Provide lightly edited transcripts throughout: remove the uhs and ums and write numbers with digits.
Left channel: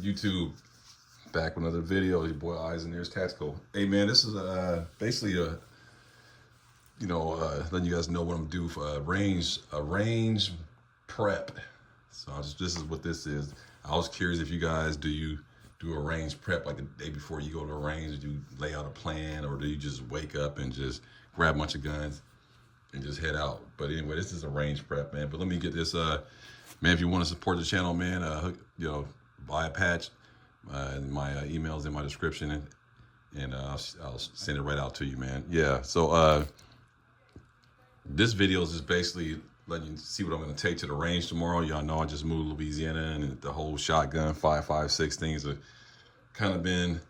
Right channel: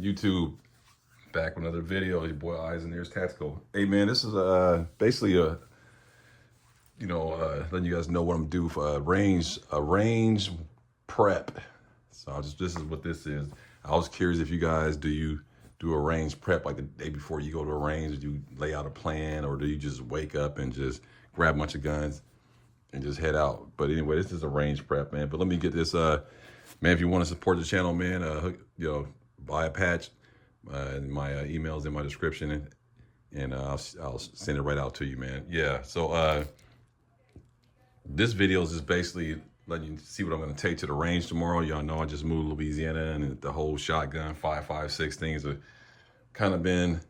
YouTube, back with another video. Your boy Eyes and Ears Tactical. Hey man, this is basically a letting you guys know what I'm gonna do for a range prep. So this is what this is. I was curious if you guys do a range prep like the day before you go to a range? Do you lay out a plan, or do you just wake up and just grab a bunch of guns and just head out? But anyway, this is a range prep, man. But let me get this, man. If you want to support the channel, man, buy a patch. My email's in my description, and I'll send it right out to you, man. Yeah. So this video is just basically letting you see what I'm going to take to the range tomorrow. Y'all know I just moved to Louisiana, and the whole shotgun 5.56 things have kind of been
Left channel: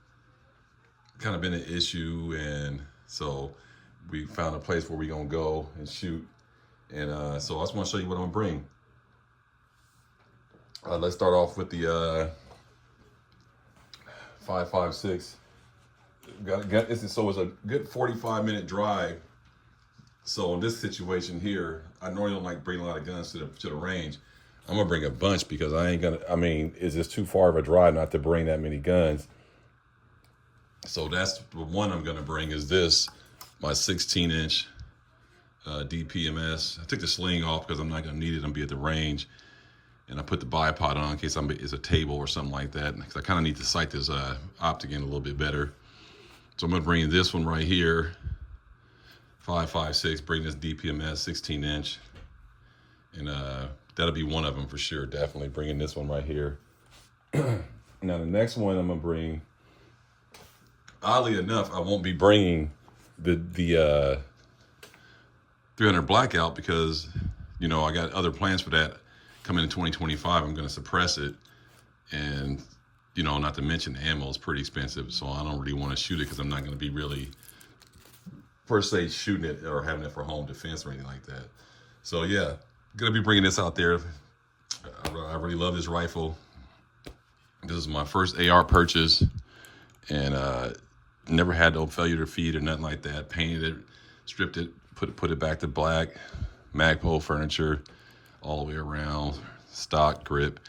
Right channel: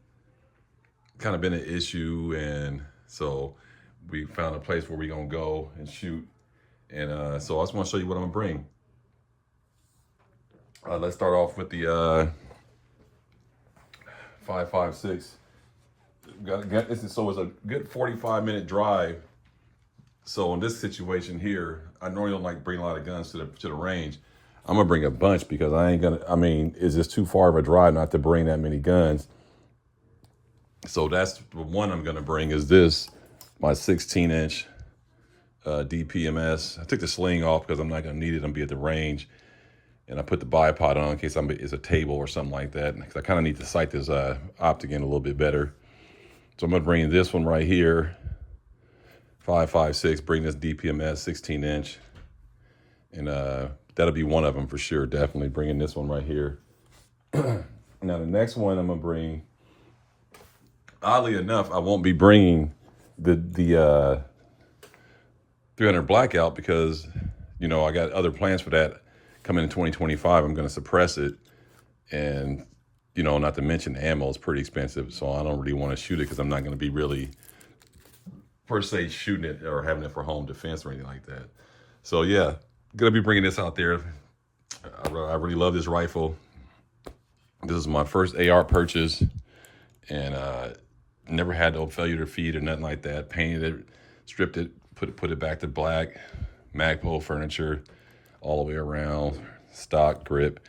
an issue, and so we found a place where we're gonna go and shoot. And so I just want to show you what I'm gonna bring. Let's start off with the 5.56. So it's a good 45-minute drive. So in this situation here, I normally don't like bring a lot of guns to the range. I'm gonna bring a bunch because it's just too far of a drive not to bring that many guns. So that's the one I'm gonna bring, is this, my 16-inch DPMS. I took the sling off because I'm not gonna need it. I'm gonna be at the range, and I put the bipod on in case it's a table or something like that, because I kind of need to sight this optic in a little bit better. So I'm gonna bring this one right here, 5.56. Bring this DPMS 16-inch, and that'll be one of them for sure. Definitely bringing this one right here. Now the next one I'm gonna bring, oddly enough, I won't be bringing the 300 Blackout because I got other plans for that coming in 2025. I'm going to suppress it, and not to mention the ammo is pretty expensive, so I don't really want to shoot it because I'm not going to be really per se shooting it or having it for home defense or anything like that. So yeah, gonna be bringing this out there. I really love this rifle. This is my first AR purchase, and never had no failure to feed or nothing like that. Painted it, stripped it, put it back to black, Magpul furniture all the way around, stock, grip,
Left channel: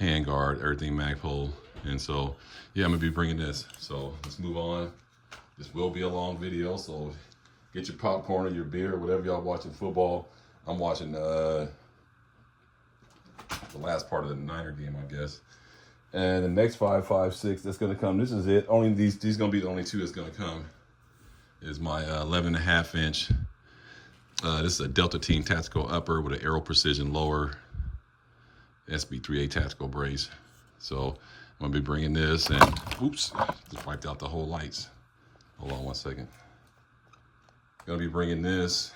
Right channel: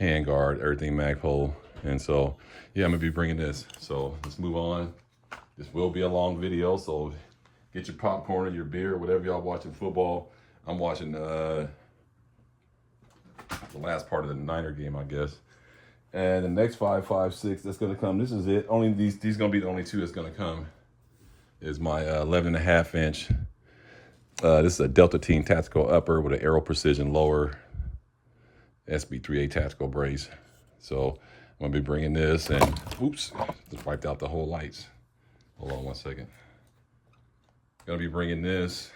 handguard, everything Magpul. And so yeah, I'm gonna be bringing this. So let's move on. This will be a long video, so get your popcorn or your beer or whatever y'all watching football. I'm watching the last part of the Niner game, I guess. And the next 5.56 that's gonna come, this is it. Only these gonna be the only two that's gonna come, is my 11.5-inch. This is a Delta Team Tactical Upper with an Aero Precision Lower SB3A Tactical Brace. So I'm gonna be bringing this, and oops, just wiped out the whole lights. Hold on one second. Gonna be bringing this.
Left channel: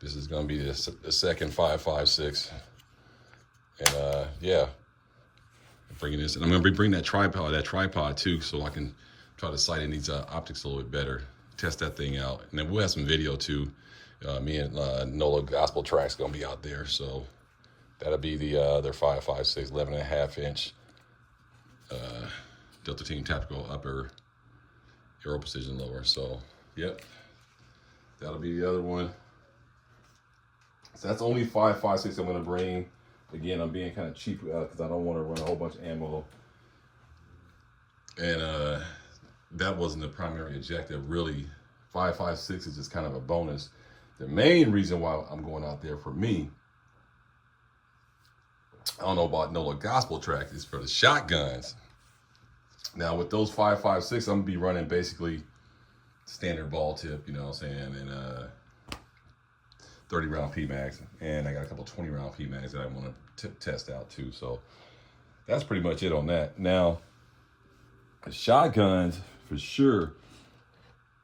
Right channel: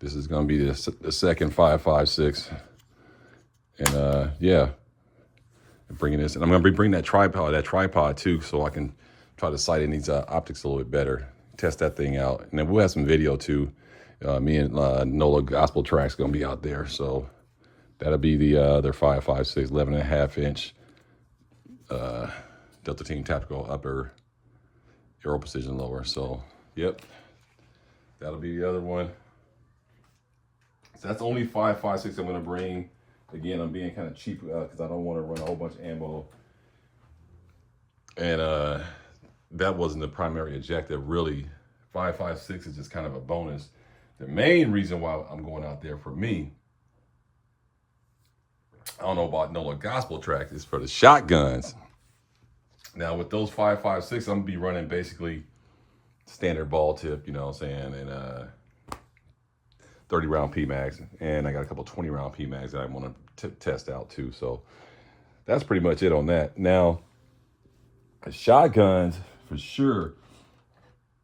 This is gonna be the second 5.56, and yeah, bringing this, and I'm gonna be bringing that tripod too, so I can try to sight in these optics a little bit better, test that thing out, and then we'll have some video too. Me and NOLA Gospel Track's gonna be out there, so that'll be their 5.56, 11.5-inch Delta Team Tactical Upper, Aero Precision Lower. So yep, that'll be the other one. So that's only 5.56 I'm gonna bring. Again, I'm being kind of cheap because I don't want to run a whole bunch of ammo, and that wasn't the primary objective really. 5.56 is just kind of a bonus. The main reason why I'm going out there, for me, I don't know about NOLA Gospel Track, is for the shotguns. Now with those 5.56, I'm gonna be running basically standard ball tip, you know what I'm saying, and 30-round PMags, and I got a couple 20-round PMags that I want to test out too. So that's pretty much it on that. Now the shotguns, for sure,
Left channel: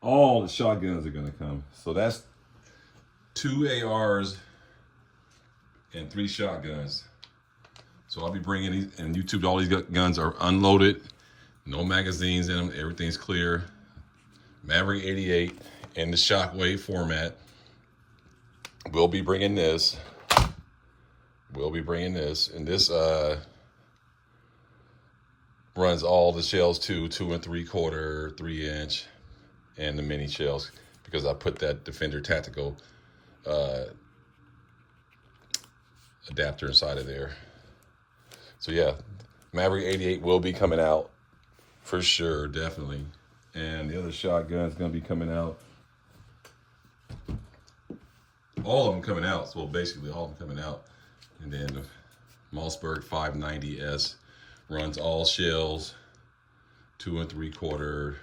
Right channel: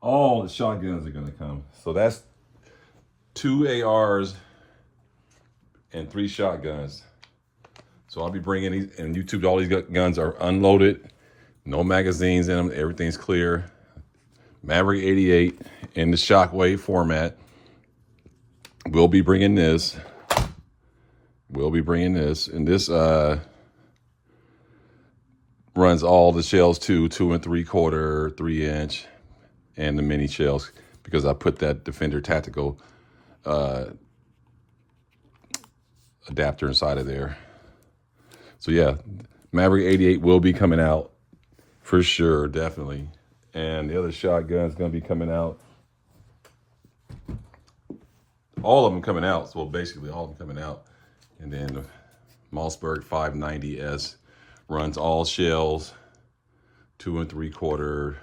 all the shotguns are gonna come. So that's 2 ARs and 3 shotguns. So I'll be bringing these, and YouTube, all these guns are unloaded, no magazines in them, everything's clear. Maverick 88 in the Shockwave format. We'll be bringing this. And this runs all the shells too, 2 3/4, 3-inch, and the mini shells, because I put that Defender Tactical adapter inside of there. So yeah, Maverick 88 will be coming out for sure, definitely. And the other shotgun is going to be coming out. All of them coming out. So basically all of them coming out. And then the Mossberg 590S runs all shells, 2 3/4,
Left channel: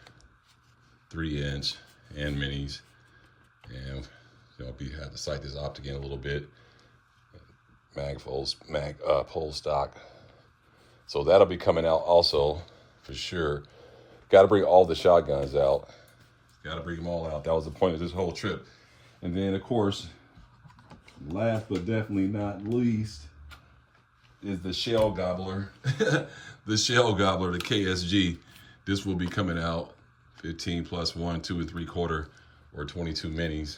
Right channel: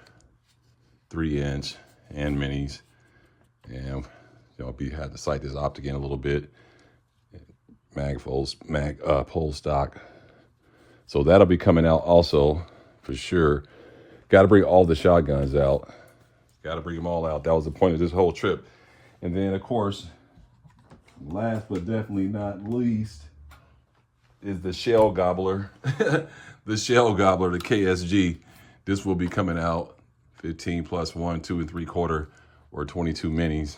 3-inch, and minis. And have to sight this optic in a little bit. Mag pole stock. So that'll be coming out also for sure. Got to bring all the shotguns out. Got to bring them all out. That was the point of this whole trip. And then of course, last but definitely not least, is the shell gobbler. The shell gobbler, the KSG. This will be coming out 15 plus 1, 2 3/4, or 22 minis.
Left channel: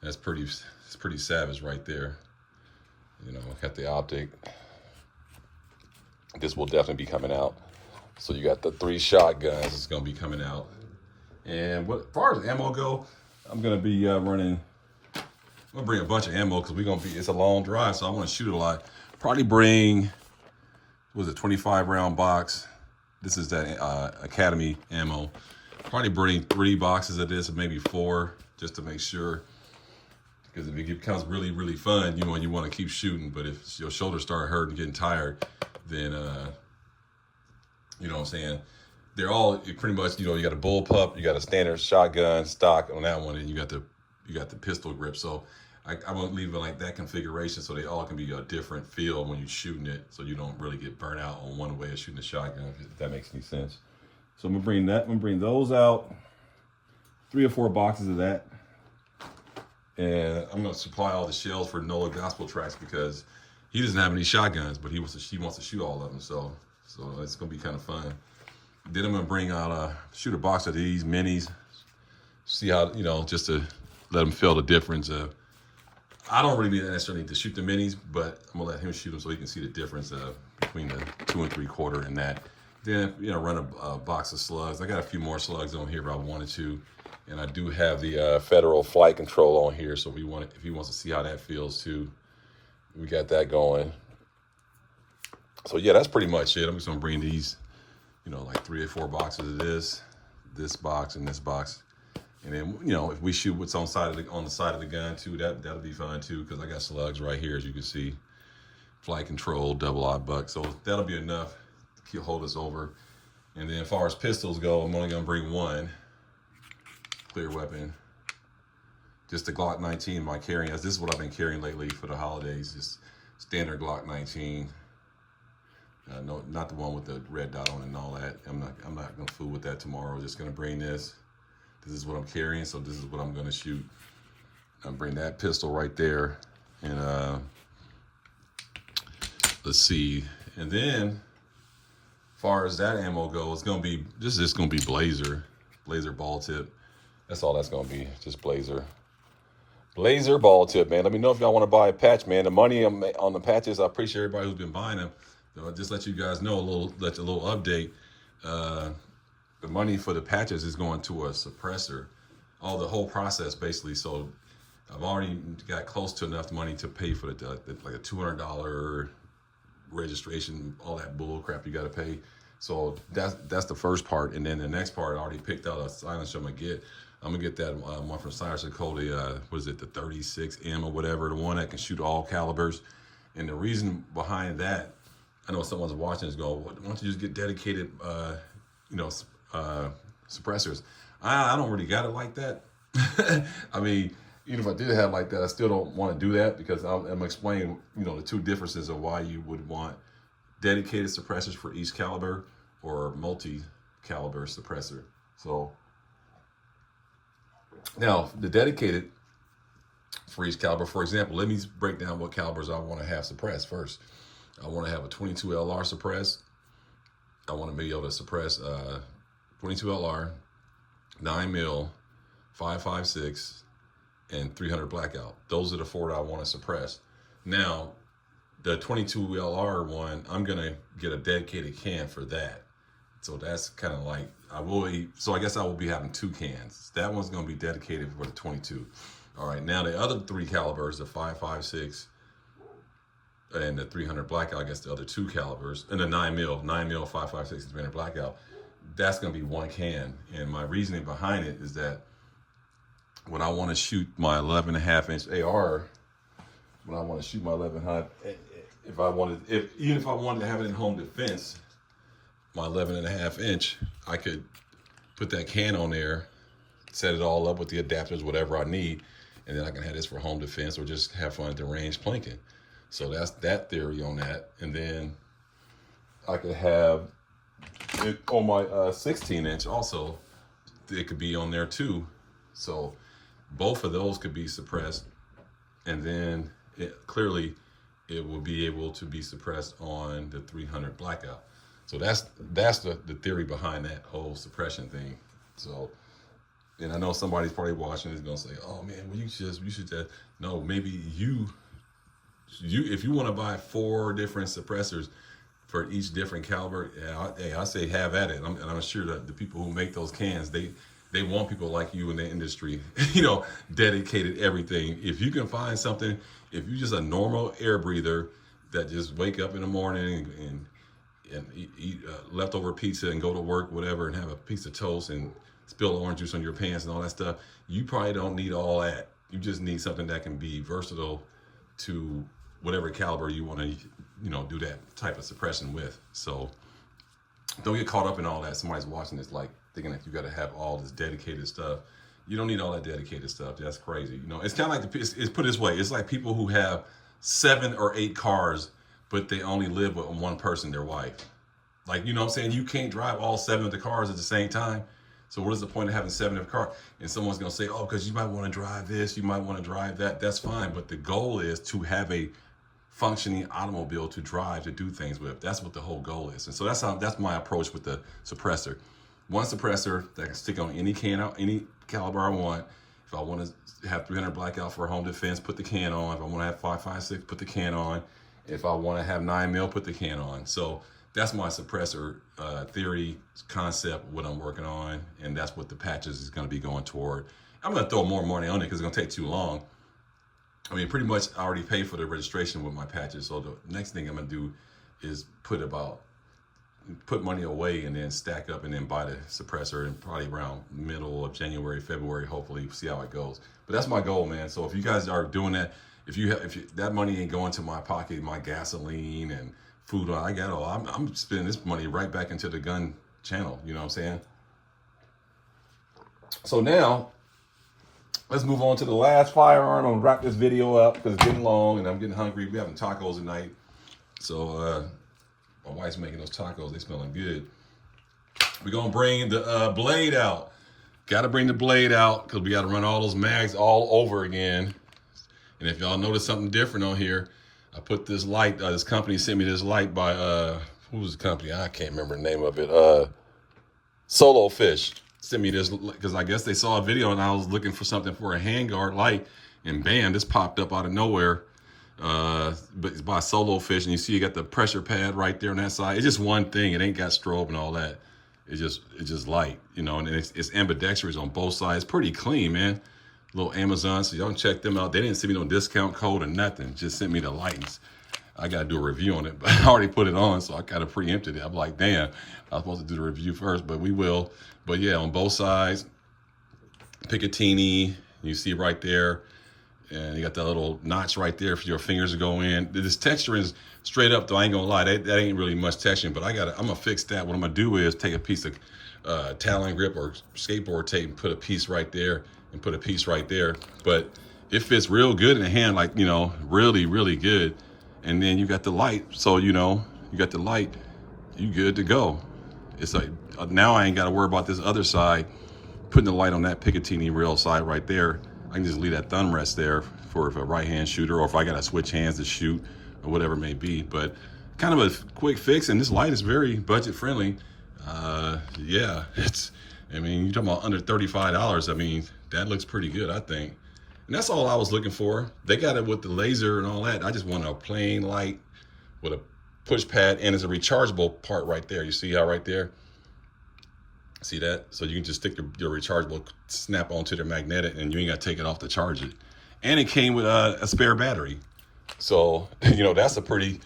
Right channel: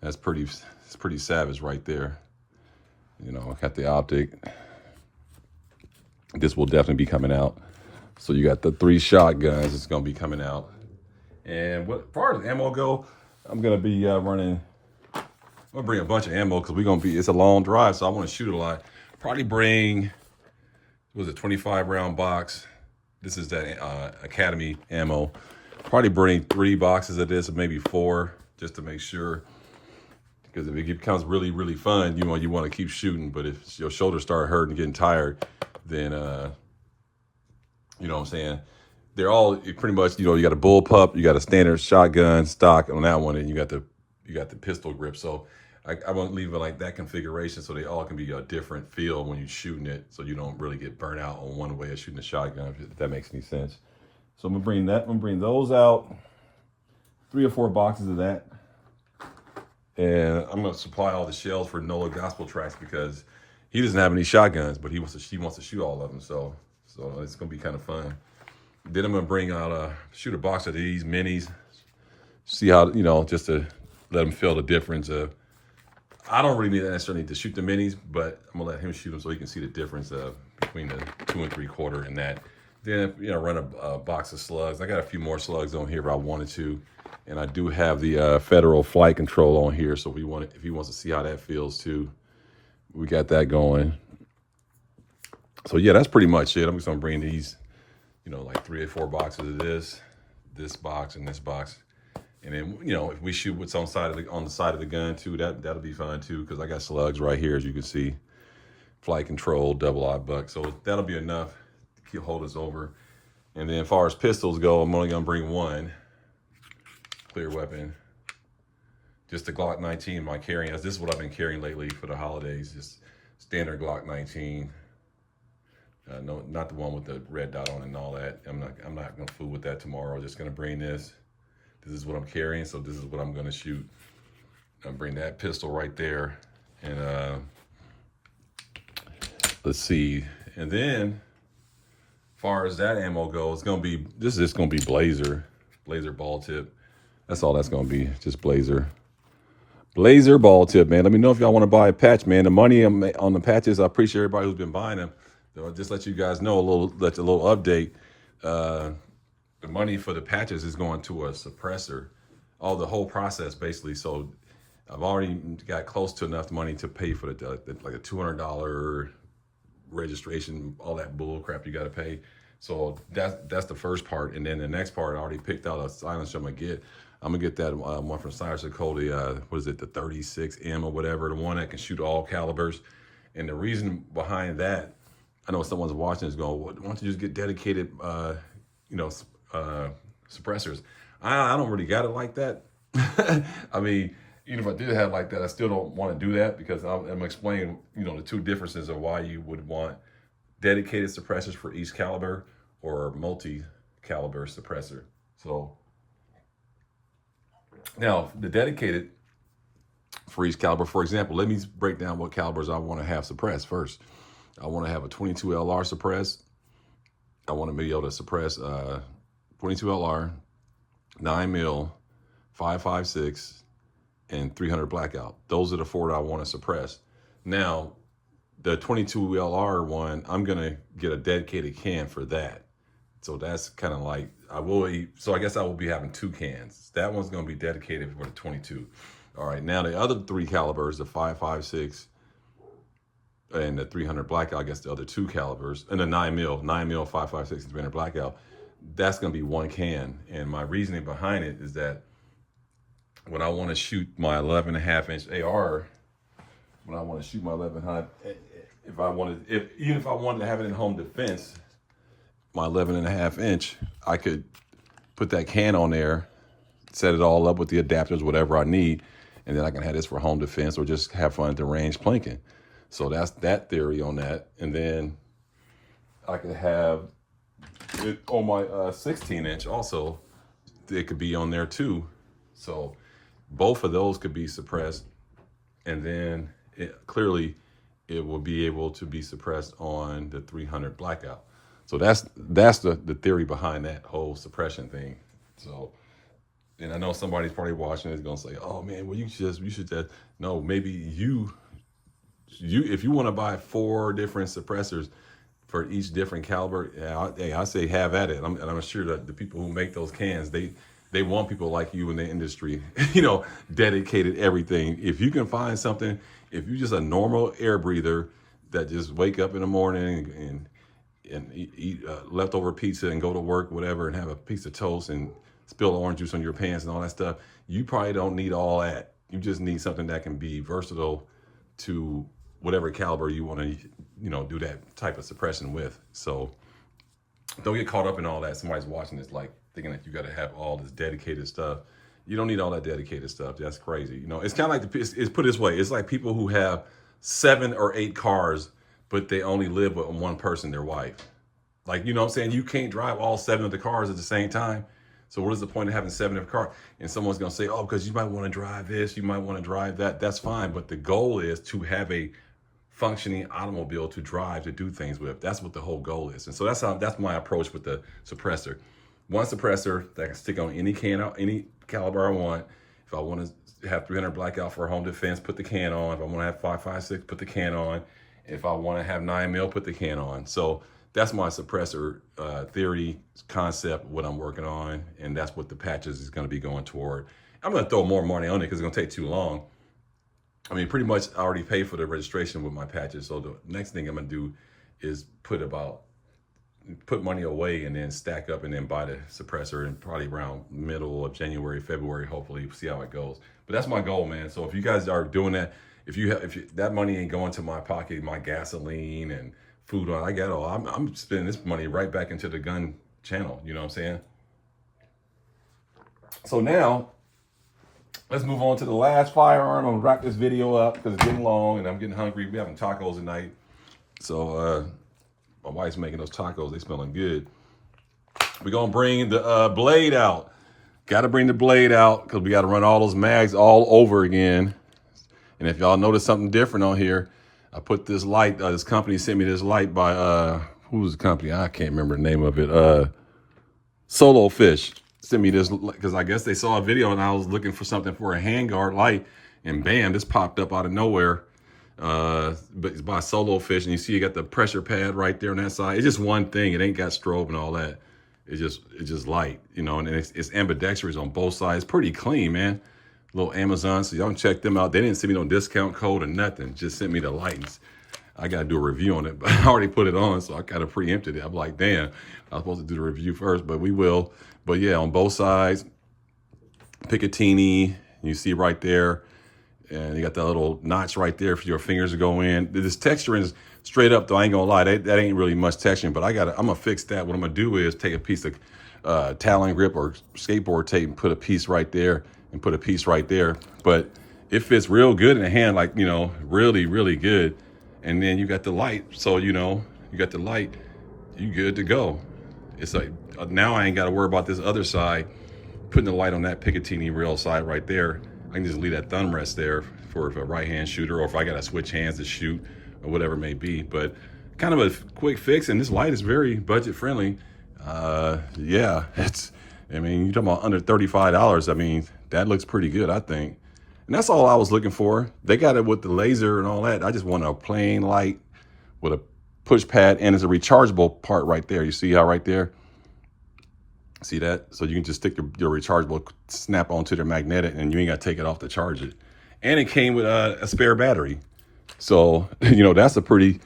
That's pretty savage right there. Got the optic. This will definitely be coming out. So you got the 3 shotguns. It's gonna be coming out. And as far as ammo go, I'm gonna be running. I'm gonna bring a bunch of ammo because it's a long drive, so I want to shoot a lot. Probably bring, what was it, 25 round box. This is that Academy ammo. Probably bring 3 boxes of this, or maybe 4, just to make sure. Because if it becomes really, really fun, you want to keep shooting. But if your shoulders start hurting, getting tired, then you know what I'm saying. They're all pretty much, you got a bullpup, you got a standard shotgun stock on that one, and you got the pistol grip. So I want to leave it like that configuration so they all can be a different feel when you're shooting it, so you don't really get burnt out on one way of shooting a shotgun, if that makes any sense. So I'm gonna bring those out, 3 or 4 boxes of that. And I'm gonna supply all the shells for Nola Gospel Tracks because he doesn't have any shotguns, but she wants to shoot all of them. So it's gonna be kind of fun. Then I'm gonna bring out shoot a box of these minis, see how just to let them feel the difference. I don't really necessarily need to shoot the minis, but I'm gonna let him shoot them so he can see the difference between the 2 3/4 and that. Then run a box of slugs. I got a few more slugs on here, but I wanted to. And I do have the federal flight control on here, so if he wants to see how that feels too, we got that going. So yeah, that's pretty much it. I'm just gonna bring these, like 3 or 4 boxes of this box, and this box, and then if we shoot what's on the side of the gun too, that'll be fun too, because I got slugs right here, as you can see, flight control, double-aught buck. So that'll be enough to hold us over. And then as far as pistols go, I'm only gonna bring 1 clear weapon, just the Glock 19. My carrying, this is what I've been carrying lately for the holidays, just standard Glock 19. No, not the one with the red dot on it and all that. I'm not gonna fool with that tomorrow. I'm just gonna bring this. This is what I'm carrying, so this is what I'm gonna shoot. I'm bring that pistol right there, and let's see. And then, as far as that ammo goes, this is just gonna be Blazer ball tip. That's all that's gonna be, just Blazer ball tip, man. Let me know if y'all want to buy a patch, man. The money on the patches, I appreciate everybody who's been buying them. So just let you guys know a little update. The money for the patches is going to a suppressor. The whole process basically. So I've already got close to enough money to pay for like a $200 registration, all that bull crap you got to pay. So that's the first part, and then the next part, I already picked out a silencer I'm gonna get. I'm gonna get that one from Silencer Cody. What is it, the 36M or whatever, the one that can shoot all calibers. And the reason behind that, I know someone's watching is going, why don't you just get dedicated, suppressors? I don't really got it like that. I mean, even if I did have like that, I still don't want to do that, because I'm explaining, the 2 differences of why you would want dedicated suppressors for each caliber or multi-caliber suppressor. So now the dedicated for each caliber, for example, let me break down what calibers I want to have suppressed first. I want to have a 22 LR suppressed. I want to be able to suppress 22 LR, 9mm, 5.56, and 300 blackout. Those are the 4 that I want to suppress. Now, the 22 LR one, I'm gonna get a dedicated can for that. So that's kind of like, so I guess I will be having 2 cans. That one's gonna be dedicated for the 22. All right, now the other 3 calibers, the 5.56, and the 300 blackout against the other two calibers, and the 9mm 5.56 300 blackout, that's going to be one can. And my reasoning behind it is that when I want to shoot my 11.5-inch AR, when I want to shoot my 11.5, even if I wanted to have it in home defense, my 11.5-inch, I could put that can on there, set it all up with the adapters, whatever I need, and then I can have this for home defense or just have fun at the range plinking. So that's that theory on that. And then I could have it on my 16-inch also. It could be on there too. So both of those could be suppressed, and then clearly it will be able to be suppressed on the 300 blackout. So that's the theory behind that whole suppression thing. So, and I know somebody's probably watching is gonna say, "Oh man, well you should no, maybe you if you want to buy 4 different suppressors for each different caliber, yeah, I say have at it. And I'm sure that the people who make those cans, they want people like you in the industry, dedicated everything. If you can find something, if you're just a normal air breather that just wake up in the morning and eat leftover pizza and go to work, whatever, and have a piece of toast and spill orange juice on your pants and all that stuff, you probably don't need all that. You just need something that can be versatile to whatever caliber you want to, do that type of suppression with. So don't get caught up in all that. Somebody's watching this like thinking that you got to have all this dedicated stuff. You don't need all that dedicated stuff. That's crazy. It's kind of like it's put this way. It's like people who have 7 or 8 cars, but they only live with one person, their wife. Like, you know what I'm saying? You can't drive all 7 of the cars at the same time. So what is the point of having 7 of a car? And someone's going to say, oh, because you might want to drive this, you might want to drive that. That's fine. But the goal is to have a functioning automobile to drive, to do things with. That's what the whole goal is. And so that's my approach with the suppressor. One suppressor that can stick on any any caliber I want. If I want to have 300 blackout for home defense, put the can on. If I want to have 5.56, put the can on. If I want to have 9mm, put the can on. So that's my suppressor theory, concept, what I'm working on, and that's what the patches is going to be going toward. I'm going to throw more money on it because it's going to take too long. I mean, pretty much I already paid for the registration with my patches, so the next thing I'm going to do is put money away and then stack up and then buy the suppressor, and probably around middle of January, February, hopefully see how it goes. But that's my goal, man. So if you guys are doing that, if that money ain't going to my pocket, my gasoline and food, I got all. I'm spending this money right back into the gun channel. You know what I'm saying? So now let's move on to the last firearm. I'm gonna wrap this video up because it's getting long and I'm getting hungry. We're having tacos tonight, so my wife's making those tacos. They smelling good. We're gonna bring the blade out. Got to bring the blade out because we got to run all those mags all over again. And if y'all notice something different on here, I put this light, this company sent me this light by, who's the company? I can't remember the name of it. Solo Fish sent me this because I guess they saw a video and I was looking for something for a handguard light, and bam, this popped up out of nowhere. But it's by Solo Fish, and you see you got the pressure pad right there on that side. It's just one thing. It ain't got strobe and all that. It's just light, and it's ambidextrous on both sides. Pretty clean, man. Little Amazon, so y'all can check them out. They didn't send me no discount code or nothing. Just sent me the lights. I got to do a review on it, but I already put it on, so I kind of preempted it. I'm like, damn, I was supposed to do the review first, but we will. But yeah, on both sides, Picatinny, you see right there, and you got that little notch right there for your fingers to go in. This texture is straight up, though. I ain't gonna lie, that ain't really much texturing, but I'm gonna fix that. What I'm gonna do is take a piece of Talon grip or skateboard tape and put a piece right there and put a piece right there. But it fits real good in the hand, like, really, really good. And then you got the light, so you got the light, you good to go. It's like, now I ain't got to worry about this other side, putting the light on that Picatinny rail side right there. I can just leave that thumb rest there for if a right-hand shooter, or if I got to switch hands to shoot, or whatever it may be. But kind of a quick fix, and this light is very budget-friendly. Yeah, you're talking about under $35. I mean, that looks pretty good, I think. And that's all I was looking for. They got it with the laser and all that. I just want a plain light with a push pad, and it's a rechargeable part right there. You see how right there? See that? So you can just stick your rechargeable snap onto the magnetic, and you ain't got to take it off to charge it. And it came with a spare battery. So, you know, that's a pretty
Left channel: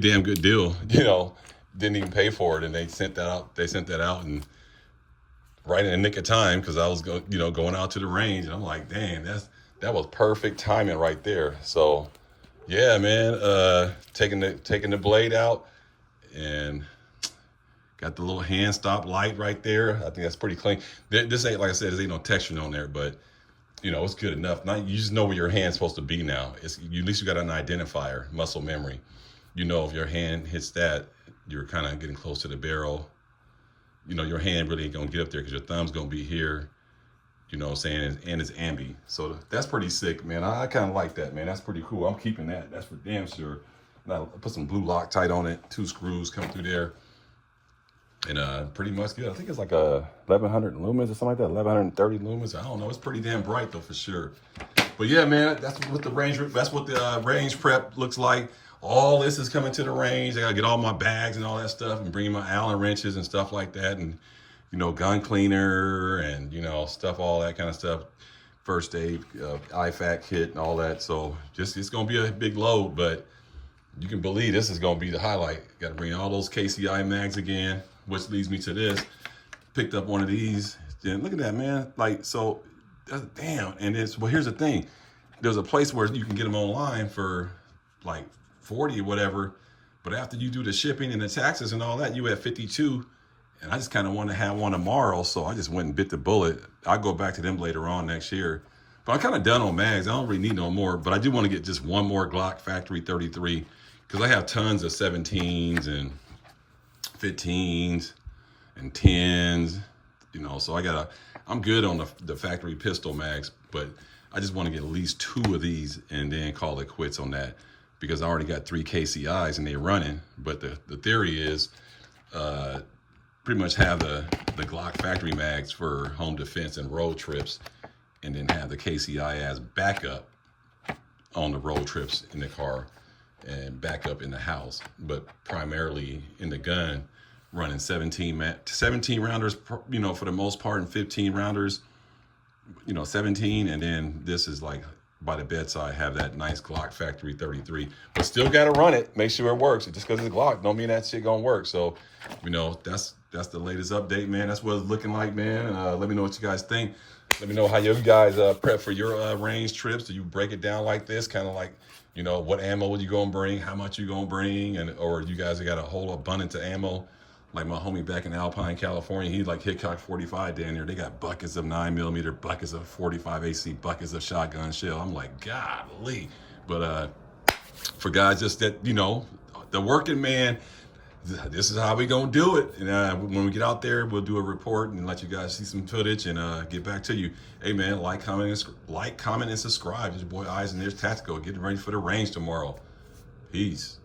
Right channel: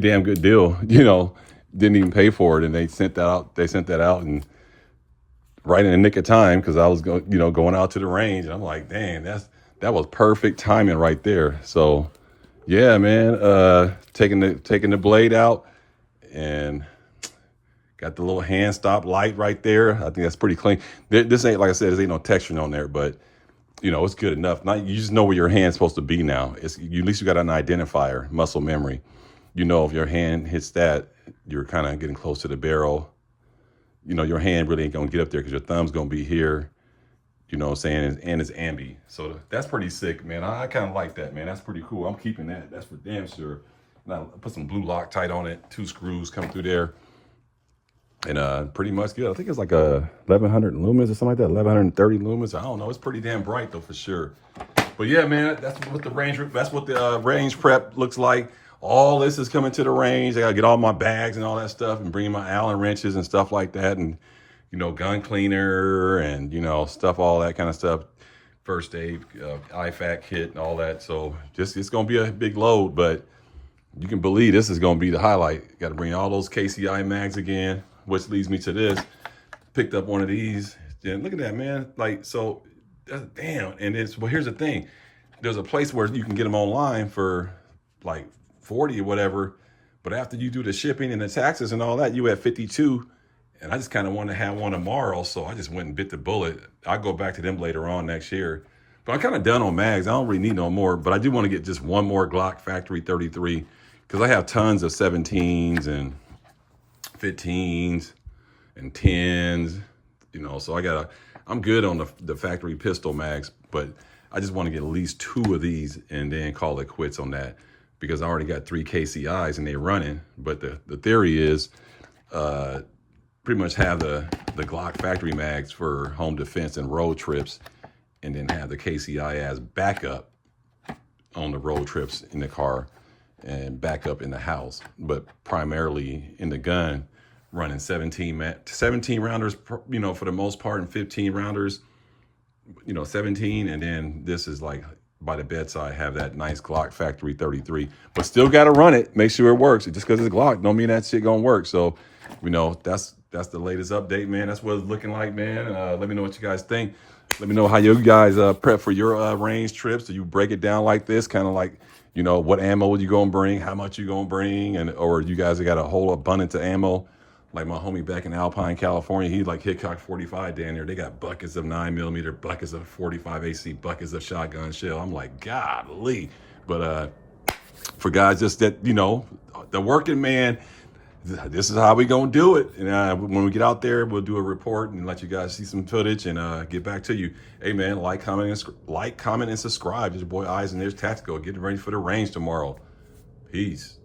damn good deal. You know, didn't even pay for it, and they sent that out. They sent that out, and right in the nick of time, because I was going, you know, going out to the range, and I'm like, dang, that was perfect timing right there. So, yeah, man, taking the blade out, and got the little hand stop light right there. I think that's pretty clean. This ain't, like I said, this ain't no texturing on there, but you know, it's good enough. Now you just know where your hand's supposed to be now. At least you got an identifier, muscle memory. You know, if your hand hits that, you're kind of getting close to the barrel. You know, your hand really ain't gonna get up there because your thumb's gonna be here. You know what I'm saying? And it's ambi. So that's pretty sick, man. I kind of like that, man. That's pretty cool. I'm keeping that. That's for damn sure. Now, put some blue Loctite on it. 2 screws come through there. And pretty much good. I think it's like a 1100 lumens or something like that. 1130 lumens. I don't know. It's pretty damn bright though, for sure. But yeah, man, that's what the range prep looks like. All this is coming to the range. I gotta get all my bags and all that stuff, and bring my Allen wrenches and stuff like that, and you know, gun cleaner and you know, stuff, all that kind of stuff. First aid, IFAC kit and all that. So it's gonna be a big load, but you can believe this is gonna be the highlight. Got to bring all those KCI mags again, which leads me to this. Picked up one of these. Then look at that, man. Like, so, damn. And it's, well, here's the thing. There's a place where you can get them online for like 40 or whatever. But after you do the shipping and the taxes and all that, you at 52. And I just kind of want to have one tomorrow. So I just went and bit the bullet. I'll go back to them later on next year. But I'm kind of done on mags. I don't really need no more. But I do want to get just one more Glock Factory 33. Because I have tons of 17s and 15s and 10s, you know, so I'm good on the factory pistol mags, but I just want to get at least 2 of these and then call it quits on that, because I already got 3 KCIs and they're running. But the theory is pretty much have the Glock factory mags for home defense and road trips, and then have the KCI as backup on the road trips in the car and backup in the house, but primarily in the gun, running 17 rounders, you know, for the most part, and 15 rounders, you know, 17. And then this is like by the bedside, have that nice Glock Factory 33, but still got to run it, make sure it works. Just because it's Glock don't mean that shit gonna work. So, you know, that's the latest update, man. That's what it's looking like, man. Let me know what you guys think. Let me know how you guys prep for your range trips. Do you break it down like this, kind of like, you know, what ammo you gonna bring, how much you gonna bring, and or you guys have got a whole abundance of ammo? Like my homie back in Alpine, California, he like Hickok 45 down there. They got buckets of 9mm, buckets of 45 AC, buckets of shotgun shell. I'm like, golly. But for guys just that, you know, the working man, this is how we gonna do it. And when we get out there, we'll do a report and let you guys see some footage and get back to you. Hey man, like, comment, and subscribe. It's your boy Eyes and Ears Tactical, getting ready for the range tomorrow. Peace.